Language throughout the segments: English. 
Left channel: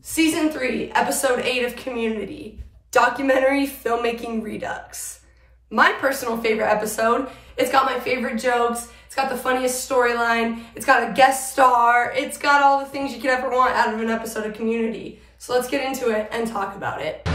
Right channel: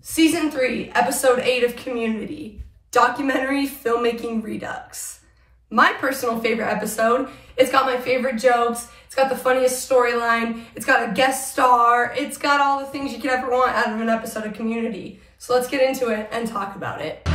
Season 3, Episode 8 of Community, Documentary Filmmaking Redux. My personal favorite episode. It's got my favorite jokes, it's got the funniest storyline, it's got a guest star, it's got all the things you could ever want out of an episode of Community. So let's get into it and talk about it.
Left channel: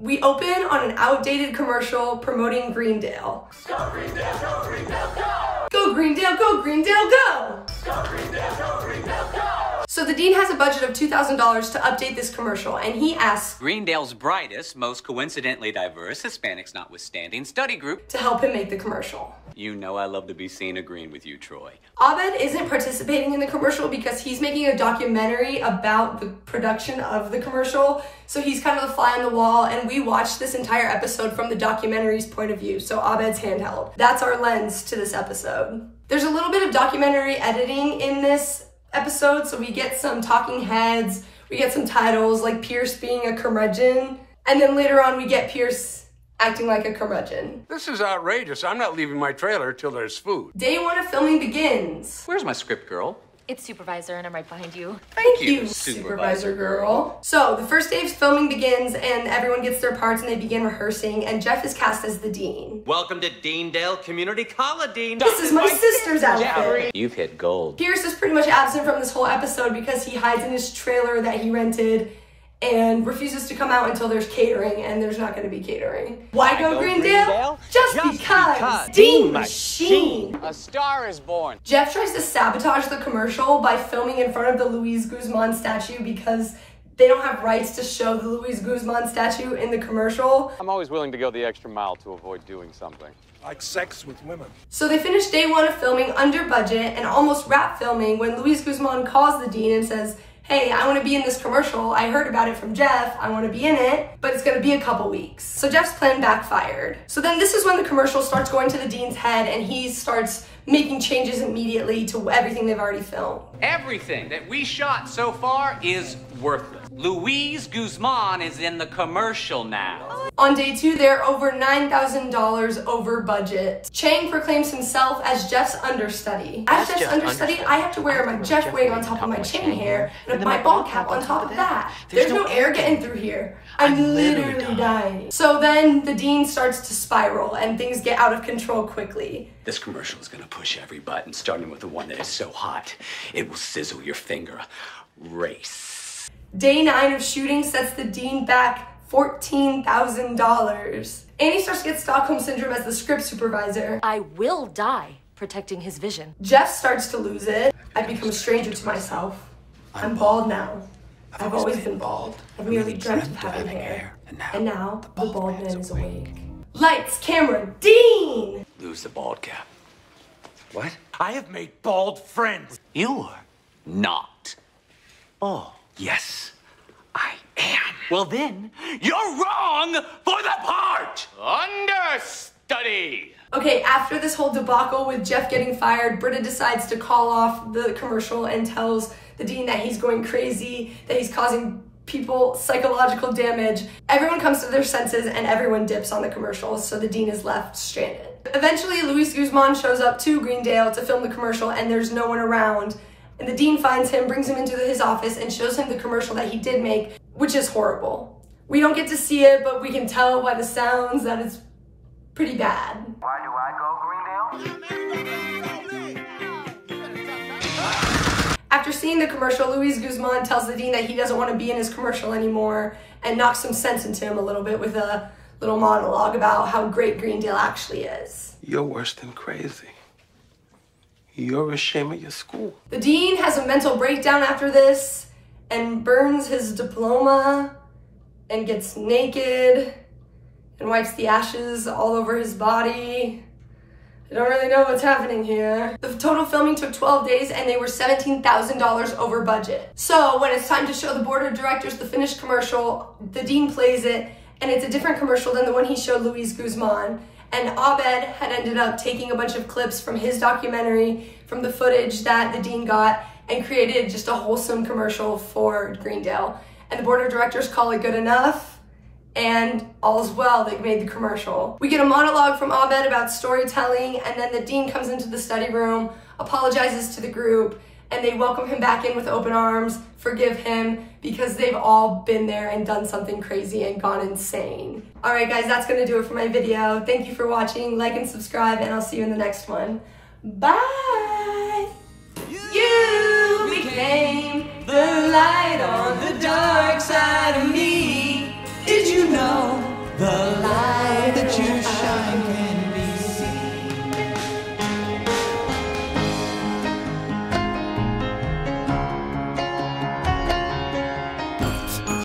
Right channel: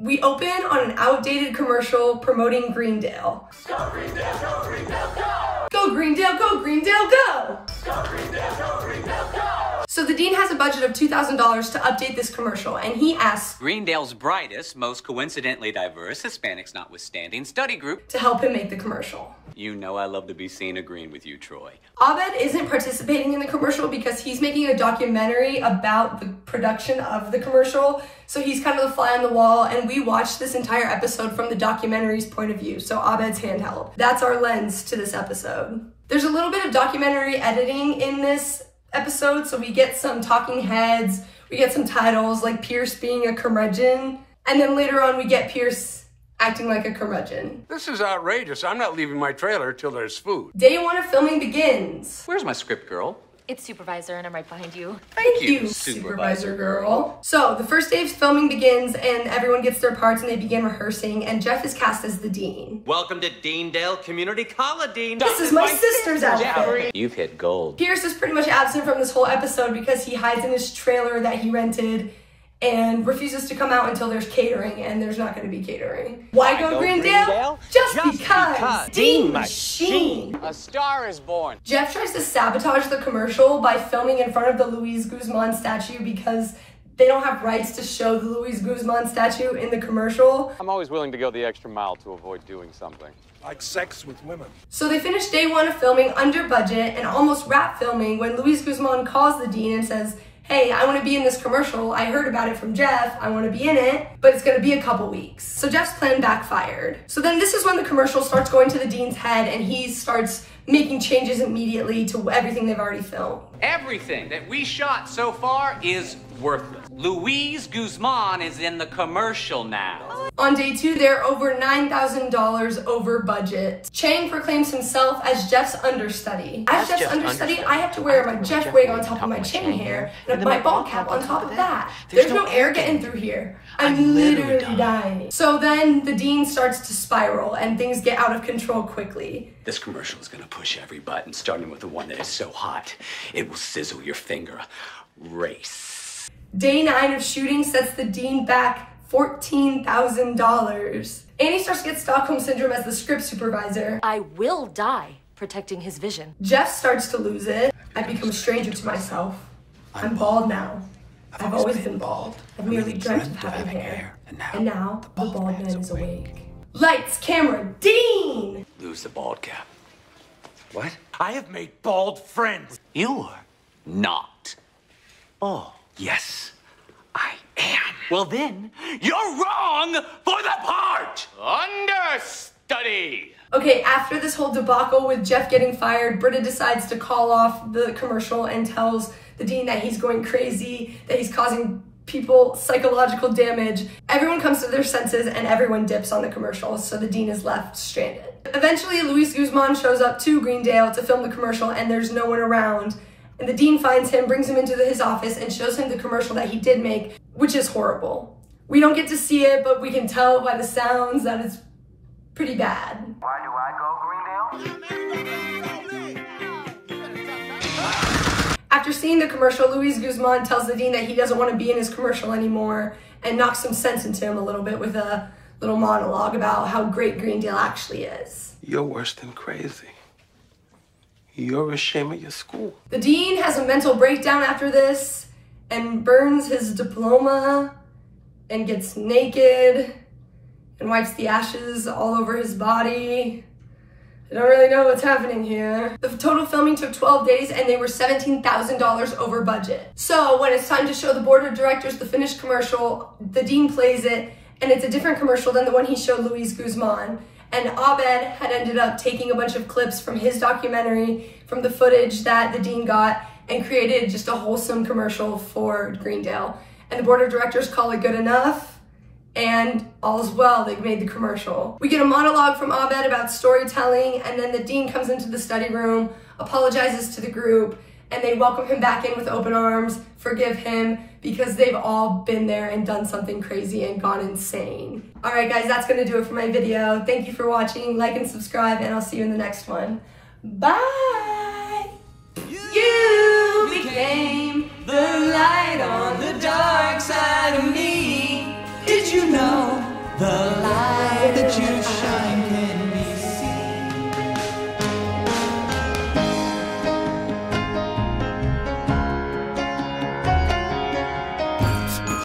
We open on an outdated commercial promoting Greendale. Go Greendale, go Greendale, go! Go Greendale, go Greendale, go! Go Greendale, go Greendale, go! So the dean has a budget of $2,000 to update this commercial, and he asks Greendale's brightest, most coincidentally diverse, Hispanics notwithstanding, study group to help him make the commercial. You know I love to be seen agreeing with you, Troy. Abed isn't participating in the commercial because he's making a documentary about the production of the commercial, so he's kind of the fly on the wall, and we watched this entire episode from the documentary's point of view, so Abed's handheld. That's our lens to this episode. There's a little bit of documentary editing in this episode, so we get some talking heads, we get some titles like Pierce being a curmudgeon, and then later on we get Pierce acting like a curmudgeon. This is outrageous. I'm not leaving my trailer till there's food. Day 1 of filming begins. Where's my script, girl? It's Supervisor, and I'm right behind you. Thank you, Supervisor girl. So, the first day of filming begins, and everyone gets their parts, and they begin rehearsing, and Jeff is cast as the dean. Welcome to Deendale Community College, Dean. This is my sister's outfit. You've hit gold. Pierce is pretty much absent from this whole episode because he hides in his trailer that he rented and refuses to come out until there's catering, and there's not going to be catering. Why go Greendale? Just because. Dean Machine. A star is born. Jeff tries to sabotage the commercial by filming in front of the Luis Guzman statue because they don't have rights to show the Luis Guzman statue in the commercial. I'm always willing to go the extra mile to avoid doing something. Like sex with women. So they finish day 1 of filming under budget and almost wrap filming when Luis Guzman calls the dean and says, hey, I want to be in this commercial. I heard about it from Jeff. I want to be in it, but it's going to be a couple weeks. So Jeff's plan backfired. So then this is when the commercial starts going to the dean's head and he starts making changes immediately to everything they've already filmed. Everything that we shot so far is worthless. Luis Guzman is in the commercial now. On day 2, they're over $9,000 over budget. Chang proclaims himself as Jeff's understudy. As Jeff's understudy, I have to wear my Jeff wig on top of my Chang hair and my ball cap on top of that. There's no air getting through here. I'm literally dying. So then the dean starts to spiral and things get out of control quickly. This commercial is gonna push every button, starting with the one that is so hot, it will sizzle your finger. Race. Day 9 of shooting sets the dean back $14,000. Annie starts to get Stockholm Syndrome as the script supervisor. I will die protecting his vision. Jeff starts to lose it. I've become a stranger to myself. I'm bald now. I've always been bald. I've merely dreamt of having hair. And now the bald man is awake. Lights, camera, Dean! Lose the bald cap. What? I have made bald friends. You're not bald. Yes, I am. Well then, you're wrong for the part! Understudy! Okay, after this whole debacle with Jeff getting fired, Britta decides to call off the commercial and tells the dean that he's going crazy, that he's causing people psychological damage. Everyone comes to their senses and everyone dips on the commercial, so the dean is left stranded. Eventually, Luis Guzman shows up to Greendale to film the commercial and there's no one around. And the dean finds him, brings him into his office, and shows him the commercial that he did make, which is horrible. We don't get to see it, but we can tell by the sounds that it's pretty bad. Why do I go Greendale? After seeing the commercial, Luis Guzman tells the dean that he doesn't want to be in his commercial anymore and knocks some sense into him a little bit with a little monologue about how great Greendale actually is. You're worse than crazy. You're ashamed of your school. The dean has a mental breakdown after this and burns his diploma and gets naked and wipes the ashes all over his body. I don't really know what's happening here. The total filming took 12 days and they were $17,000 over budget. So when it's time to show the board of directors the finished commercial, the dean plays it and it's a different commercial than the one he showed Luis Guzman. And Abed had ended up taking a bunch of clips from his documentary, from the footage that the dean got, and created just a wholesome commercial for Greendale. And the board of directors call it good enough, and all's well, they've made the commercial. We get a monologue from Abed about storytelling, and then the dean comes into the study room, apologizes to the group, and they welcome him back in with open arms, forgive him, because they've all been there and done something crazy and gone insane. All right, guys, that's gonna do it for my video. Thank you for watching. Like and subscribe, and I'll see you in the next one. Bye!